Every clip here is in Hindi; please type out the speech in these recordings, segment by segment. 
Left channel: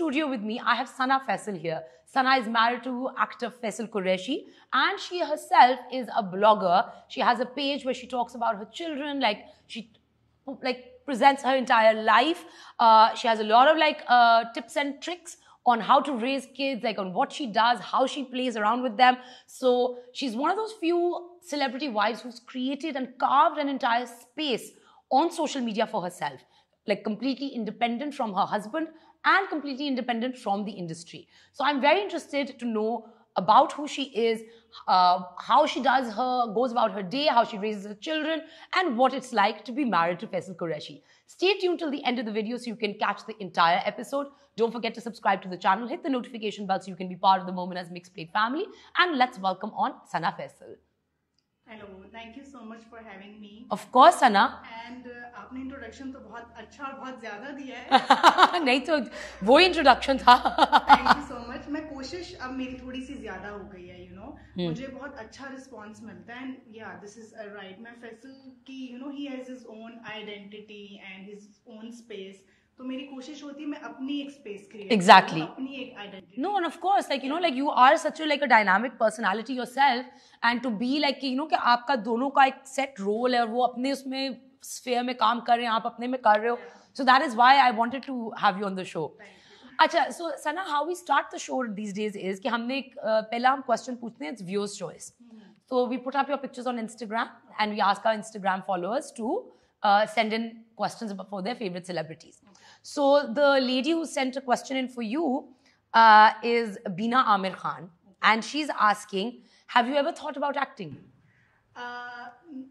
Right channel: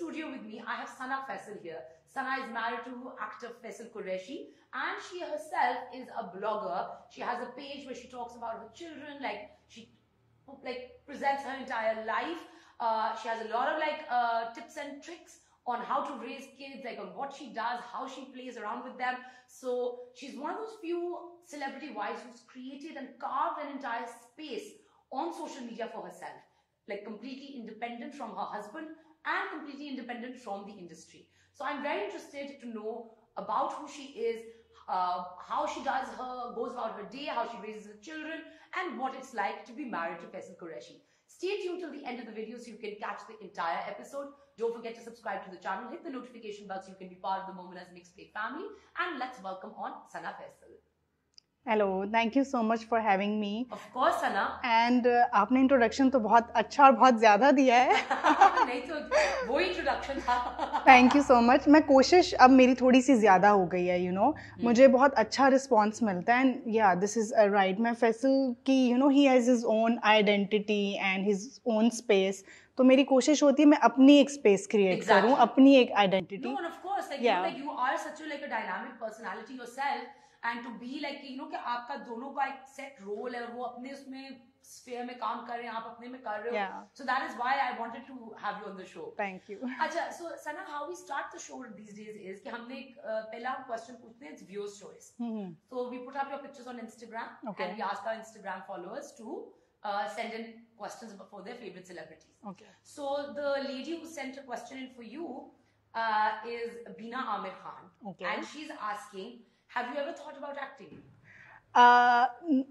studio with me, I have Sana Faisal here. Sana is married to actor Faisal Qureshi, and she herself is a blogger. She has a page where she talks about her children, like she presents her entire life. She has a lot of tips and tricks on how to raise kids, like on what she does, how she plays around with them. So she's one of those few celebrity wives who's created and carved an entire space on social media for herself, like completely independent from her husband and completely independent from the industry. So I'm very interested to know about who she is, how she goes about her day, how she raises her children, and what it's like to be married to Faisal Qureshi. Stay tuned till the end of the video so you can catch the entire episode. Don't forget to subscribe to the channel, hit the notification bell so you can be part of the Moment as Mixed Plate family. And let's welcome on Sana Faisal. Hello, thank you so much for having me. Of course, Sana. And आपने introduction तो बहुत अच्छा और बहुत ज़्यादा दिया है. नहीं तो वो introduction था. Thank you so much. मैं कोशिश अब मेरी थोड़ी सी ज़्यादा हो गई है, you know. मुझे बहुत अच्छा response मिलता है. And yeah, this is right. मैं फैसल की, you know, he has his own identity and his own space. तो मेरी कोशिश होती है मैं अपनी एक space create करूँ, अपनी एक identity. No, and of course, like you know, like you are such a dynamic personality yourself, and to be like you know कि आपका दोनों का एक set role है और वो अपने उसमें sphere में काम कर रहे हैं, आप अपने में कर रहे हो. So that is why I wanted to have you on the show. Thank you. अच्छा, so Sana, how we start the show these days is कि हमने एक पहला हम question पूछते हैं, it's viewers choice. So we put up your pictures on Instagram and we ask our Instagram followers to send in questions for their favorite celebrities. So the lady who sent a question in for you is Bina Amir Khan, and she's asking, have you ever thought about acting?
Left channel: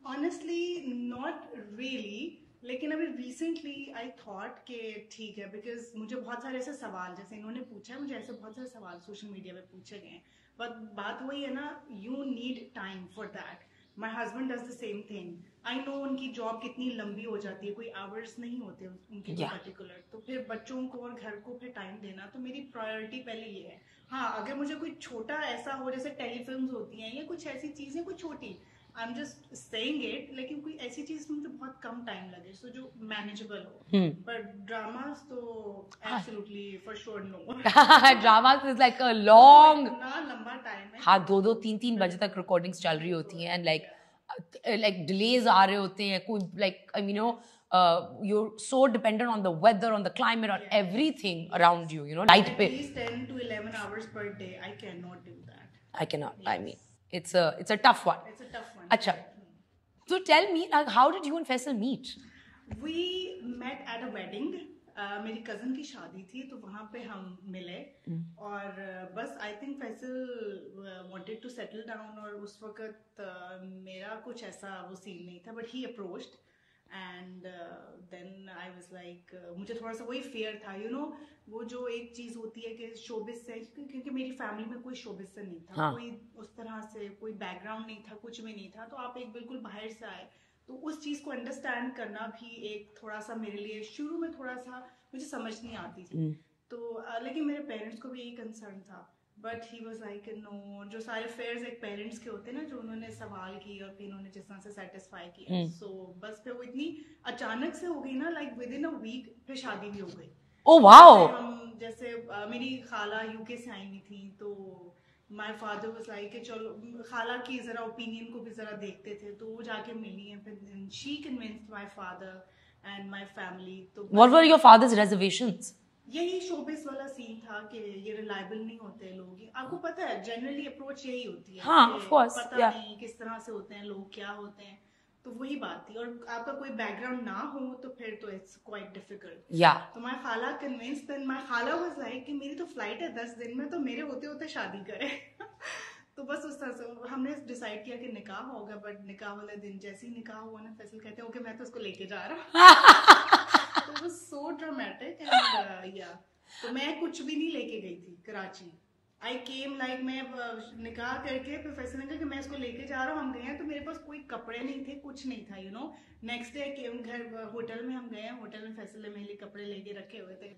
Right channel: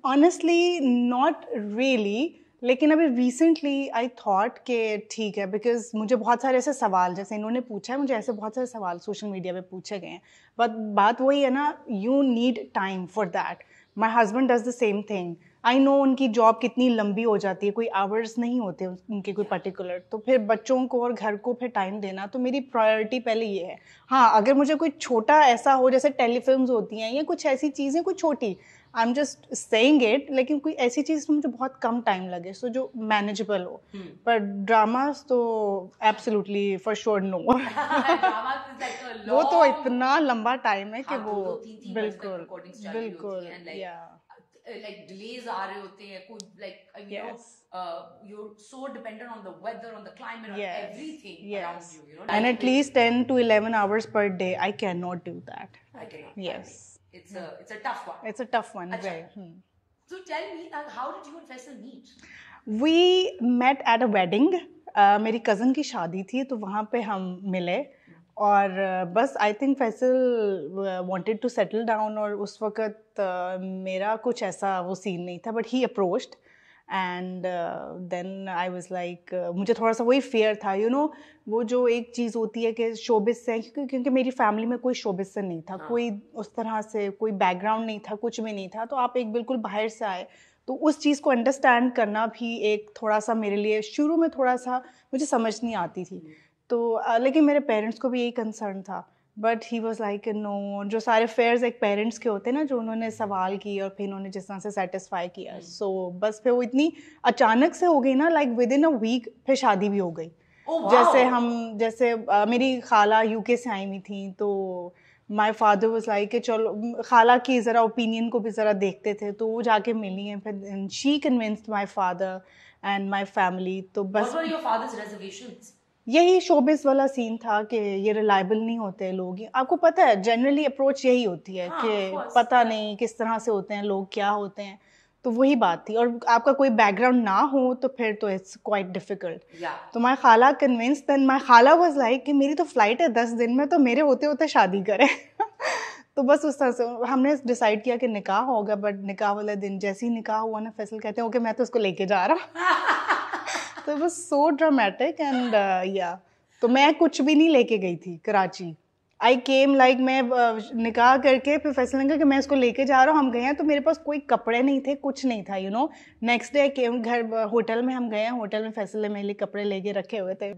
Honestly, not really. लेकिन अभी recently I thought कि ठीक है, because मुझे बहुत सारे ऐसे सवाल जैसे इन्होंने पूछा है, मुझे ऐसे बहुत सारे सवाल सोशल मीडिया पे पूछे गए हैं. But बात वही है ना, you need time for that. My husband does the same thing. I know उनकी जॉब कितनी लंबी हो जाती है, कोई आवर्स नहीं होते उनके कोई पर्टिकुलर, तो फिर बच्चों को और घर को फिर टाइम देना, तो मेरी प्रायोरिटी पहले ये है. हाँ, अगर मुझे कोई छोटा ऐसा हो जैसे टेलीफिल्म्स होती हैं या कुछ ऐसी चीज़ें, कुछ छोटी, I am just saying it, लेकिन कोई ऐसी चीज़ मुझे बहुत कम टाइम लगे, सो जो मैनेजेबल हो. पर ड्रामास तो absolutely for sure no. Dramas is like a long, तो इतना लंबा टाइम है. हाँ, 2-3 बजे तक रिकॉर्डिंग्स चल रही होती हैं, एंड like delays आ रहे होते हैं, कोई you know you're so dependent on the weather, on the climate, on everything around you, you know. And at least 10 to 11 hours per day, I cannot do that. I cannot. I mean, it's a tough one. It's a tough one. Achha. So tell me, how did you and Faisal meet? We met at a wedding. मेरी कज़न की शादी थी, तो वहाँ पे हम मिले और बस I think Faisal wanted to settle down, और उस वक्त मेरा कुछ ऐसा वो सीन नहीं था, but he approached and then I was like, मुझे थोड़ा सा वही फियर था, यू नो, वो जो एक चीज़ होती है कि शोबिस से, क्योंकि मेरी फैमिली में कोई शोबिस से नहीं था, कोई उस तरह से कोई बैकग्राउंड नहीं था, कुछ भी नहीं था, तो आप एक बिल्कुल बाहर से आए, तो उस चीज़ को अंडरस्टैंड करना भी एक थोड़ा सा मेरे लिए शुरू में थोड़ा सा मुझे समझ नहीं आती थी. तो लेकिन मेरे पेरेंट्स को भी यही कंसर्न था, but he was like no, जो सारे फेयर्स एक पेरेंट्स के होते हैं ना, जो उन्होंने सवाल किए और फिर उन्होंने जिस तरह से सेटिस्फाई किया, सो बस फिर वो इतनी अचानक से हो गई ना, like within a week फिर शादी भी हो गई. Oh, wow. जैसे मेरी खाला यूके से आई हुई थी, तो माई फादर वॉज लाइक कि चलो खाला की ज़रा ओपिनियन को भी ज़रा देखते थे, तो वो जाके मिली हैं, फिर she convinced my father and my family. तो What were your father's reservations? यही शोबिस वाला सीन था कि ये रिलायबल नहीं होते लोग. आपको पता है जनरली अप्रोच यही होती है कि पता नहीं किस तरह से होते हैं लोग, क्या होते हैं, तो वही बात थी. और आपका कोई बैकग्राउंड ना हो तो फिर तो इट्स क्वाइट डिफिकल्ट. तो माय खाला कन्विंस, देन माय खाला वाज लाइक कि मेरी तो फ्लाइट है 10 दिन में, तो मेरे होते होते शादी करें. तो बस उस तरह से हमने डिसाइड किया कि निकाह होगा, बट निकाह वाले दिन जैसे ही निकाह हुआ ना, फैसल कहते हैं ओके मैं तो उसको लेके जा रहा. तो it was so dramatic and या, तो मैं कुछ भी नहीं लेके गई थी कराची. आई केम लाइक, मैं निकाह करके फिर फैसल ने कहा कि मैं इसको लेके जा रहा हूँ. हम गए हैं तो मेरे पास कोई कपड़े नहीं थे, कुछ नहीं था, यू नो. नेक्स्ट डे केम घर, होटल में हम गए हैं, होटल में फैसल ने मेरे लिए कपड़े लेके रखे हुए थे.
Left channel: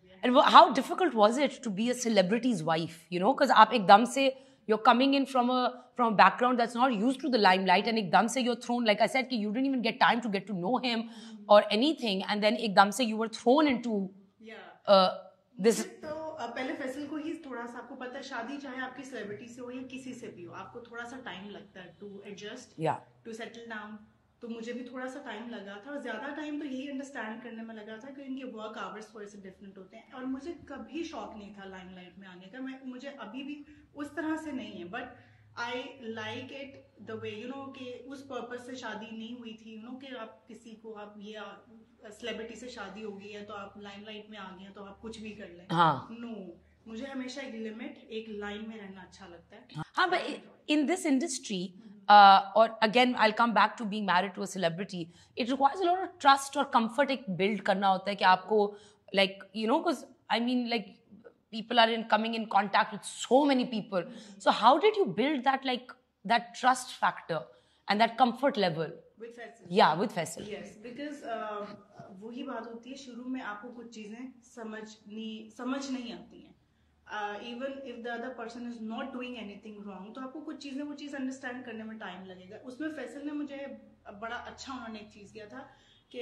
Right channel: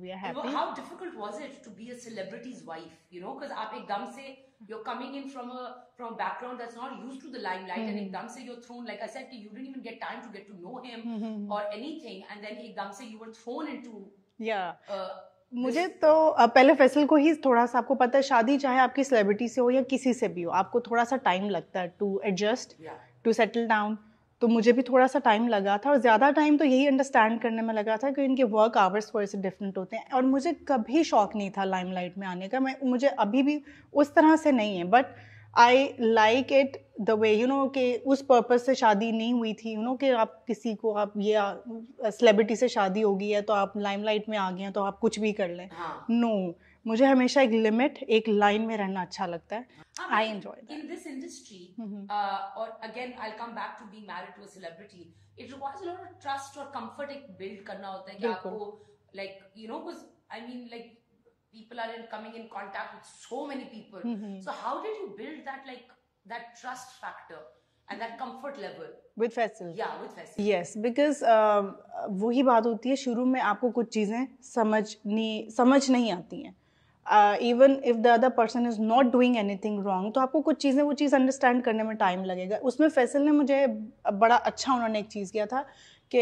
How difficult was it to be a celebrity's wife, you know, because आप एकदम से you're coming in from a background that's not used to the limelight, and एकदम से you're thrown, like I said, कि you didn't even get time to get to know him or anything, and then एकदम से you were thrown into मुझे तो पहले फैसल को ही थोड़ा सा, आपको पता है शादी चाहे आपकी सेलिब्रिटी से हो या किसी से भी हो, आपको थोड़ा सा टाइम लगता है to adjust, to settle down. तो मुझे भी थोड़ा सा टाइम लगा था, और ज़्यादा टाइम तो यही अंडरस्टैंड करने में लगा था कि इनके वर्क आवर्स थोड़े से डिफरेंट होते हैं। और मुझे कभी शौक नहीं था लाइमलाइट में आने का, मुझे अभी भी उस तरह से नहीं है, but I like it the way कि उस पर्पज़ से शादी नहीं हुई थी, कि आप किसी को, आप ये सेलिब्रिटी से शादी होगी है तो आप लाइमलाइट में आ गए हैं तो आप कुछ भी कर लें। नो, मुझे हमेशा एक लिमिट, एक लाइन में रहना अच्छा लगता है। I enjoy in this industry, or again I'll come back to being married to a celebrity. It requires a lot of trust और comfort एक build करना होता है कि आपको like because I mean like people are coming in contact with so many people. So how did you build that that trust factor and that comfort level with Faisal? Yeah, with Faisal. Yes, because वही बात होती है, शुरू में आपको कुछ चीज़ें समझ नहीं आती हैं। Even if the other person is not doing anything wrong, तो आपको कुछ चीज़ें वो चीज़ अंडरस्टैंड करने में टाइम लगेगा। उसमें फैसल ने मुझे बड़ा अच्छा, उन्होंने एक चीज़ किया था कि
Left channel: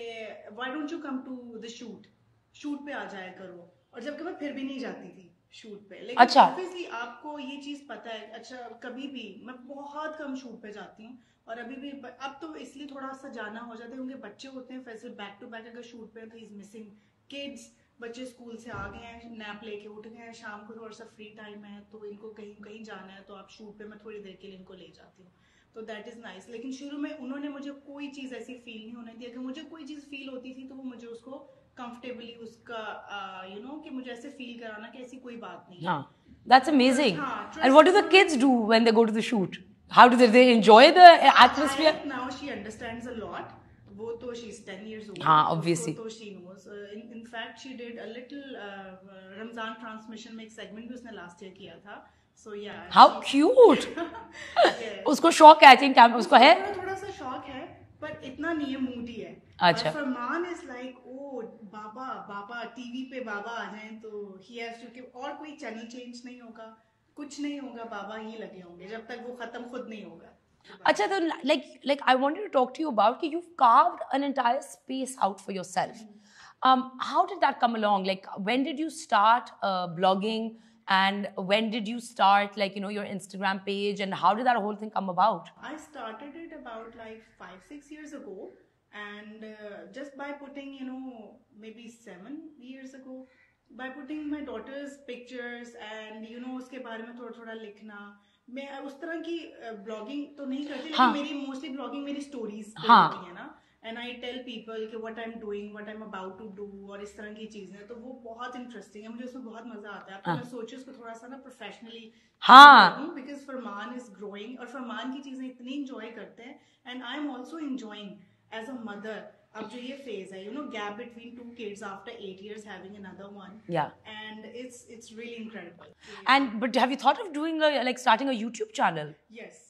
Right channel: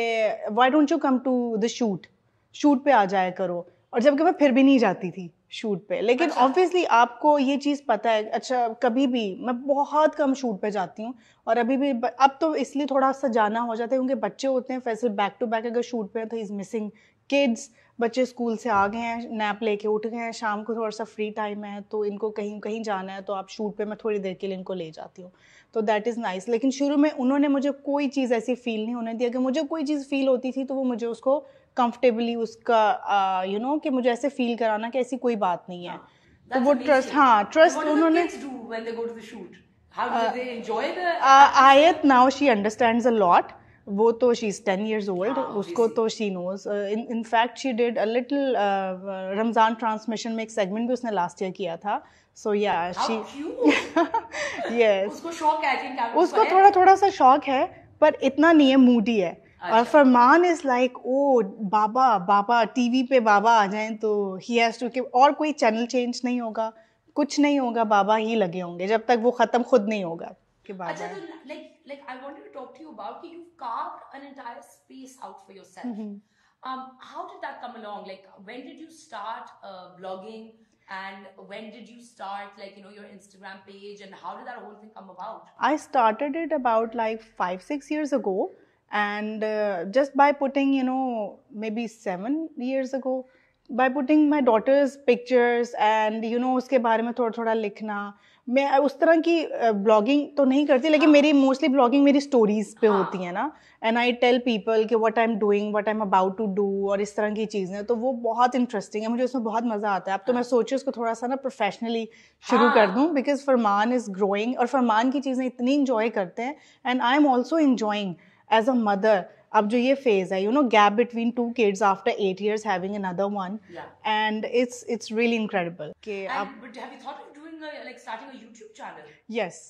why don't you come to the shoot पे आ जाया करो, और जबकि मैं फिर भी नहीं जाती थी शूट पे। लेकिन ऑब्वियसली आपको ये चीज़ पता है, अच्छा कभी भी, मैं बहुत कम शूट पे जाती हूँ, और अभी भी अब तो इसलिए थोड़ा सा जाना हो जाता है क्योंकि बच्चे होते हैं। फैसल बैक टू बैक अगर शूट पे है तो इज़ मिसिंग किड्स, बच्चे स्कूल से आ गए हैं, नैप लेके उठ गए हैं, शाम को थोड़ा सा फ्री टाइम है तो इनको कहीं जाना है तो आप शूट पे मैं थोड़ी देर के लिए इनको ले जाती हूँ, तो दैट इज़ नाइस। लेकिन शुरू में उन्होंने मुझे कोई चीज़ ऐसी फील नहीं होने दिया, कि मुझे कोई चीज़ फील होती थी तो वो मुझे उसको कंफर्टेबली उसका कि मुझे ऐसे फील कराना कि ऐसी कोई बात नहीं है। That's amazing. And what do the kids do when they go to the shoot? How do they enjoy the atmosphere? Ayat now she understands a lot. वो तो she's 10 years old. उसको तो she knows. In fact she did a little Ramzan transmission में एक सेगमेंट भी उसने लास्ट ईयर किया था. So yeah. How cute. Yes. उसको शौक है, I think उसको है. थोड़ा सा शौक है, पर इतना नहीं है, मूडी है. और फरमान इज लाइक ओ बाबा टीवी पे बाबा आ जाएं तो ही हैज टू, और कोई चैनल चेंज नहीं होगा, कुछ नहीं होगा, बाबा ही लगे होंगे जब तक वो खत्म खुद नहीं होगा. अच्छा, तो like I wanted to talk to you about कि you've carved an entire space out for yourself. How did that come along? Like when did you start blogging, and when did you start your Instagram page, and how did that whole thing come about? I started it about like 5-6 years ago. And just by putting maybe 7 years ago, by putting my daughter's pictures and उसके बारे में थोड़ा लिखना. मैं उस तरह की ब्लॉगिंग तो नहीं करती, लेकिन मेरी मोस्टली ब्लॉगिंग मेरी स्टोरीज पे होती है ना, एंड आई टेल पीपल कि what I am doing, what I am about to do, और इस तरह की चीज़ें, तो वो बहुत इंटरेस्टिंग है, मुझे उसमें बहुत मज़ा आता है. अब तो मैं सोची उसको थोड़ा सा ना प्रोफेशनली शुरू कर दूँ, बिकॉज फरमान इज़ ग्रोइंग, और फरमान की चीज़ें इतनी इंजॉय करते हैं, and I am also enjoying as a mother. अब जो ये phase है, gap between 2 kids after 8 years having another one. Yeah. And it's really incredible. But have you thought of doing starting a YouTube channel? Yes.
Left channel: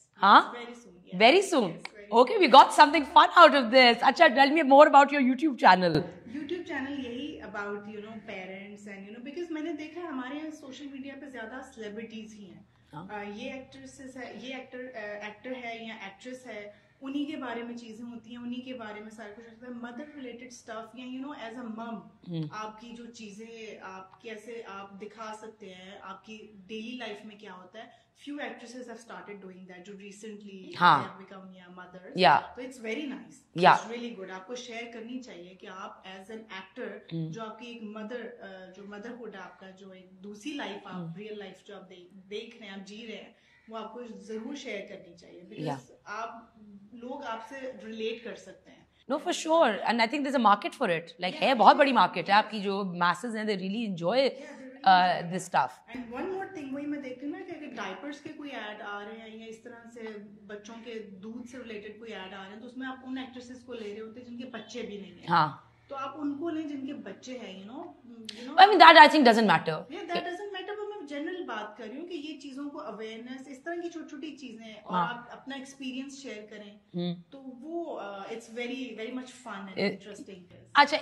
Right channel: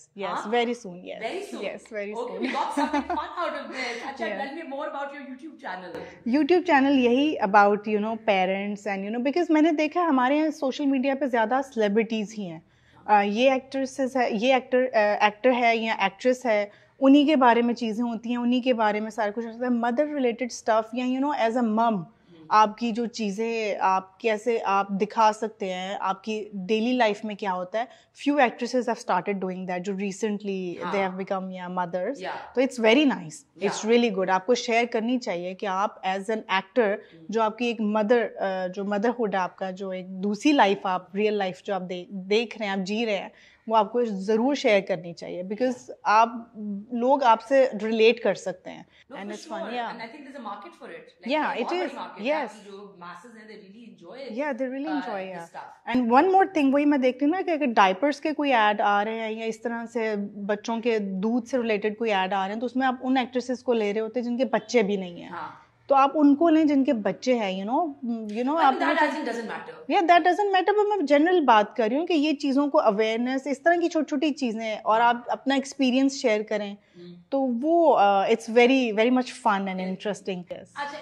Very soon. Yes. Very soon. Yes, very okay, soon. We got something fun out of this. Acha, tell me more about your YouTube channel. YouTube channel यही about parents and because मैंने देखा हमारे यहाँ सोशल मीडिया पे ज़्यादा celebrities ही हैं. ये actresses है, ये actor है या actress है, उन्हीं के बारे में चीज़ें होती हैं, उन्हीं के बारे में सारा कुछ होता है. मदर रिलेटेड स्टफ या एज अ मम आपकी जो चीज़ें आप कैसे आप दिखा सकते हैं, आपकी डेली लाइफ में क्या होता है. Few actresses have started doing that जो recently they have become mothers. तो it's very nice, it's really good. आपको शेयर करनी चाहिए कि आप एज एन एक्टर जो आपकी एक मदर जो मदरहुड है आपका, जो एक दूसरी लाइफ आप रियल लाइफ जो आप देख रहे हैं, आप जी रहे हैं, वो आपको ज़रूर शेयर करनी चाहिए, बिकॉज आप लोग आपसे रिलेट कर सकते हैं. No, for sure. And I think there's a market for it. है बहुत बड़ी market है. आपकी जो masses हैं, they really enjoy this stuff. And one more thing, वही मैं देखती हूँ ना कि अगर डायपर्स के कोई ऐड आ रहे हैं या इस तरह से बच्चों के दूध से रिलेटेड कोई ऐड आ रहे हैं, तो उसमें आप उन एक्ट्रेसेस को ले रहे होते हैं जिनके बच्चे भी नहीं हैं. तो आप उनको लें जिनके बच्चे हैं, I mean, that I think doesn't matter. Yeah, that doesn't matter. but मैं जनरल बात कर रही हूँ कि ये चीज़ों को अवेयरनेस, इस तरह की छोटी-छोटी चीज़ें, और आप अपना एक्सपीरियंस शेयर करें, तो वो it's very very much fun and interesting. अच्छा,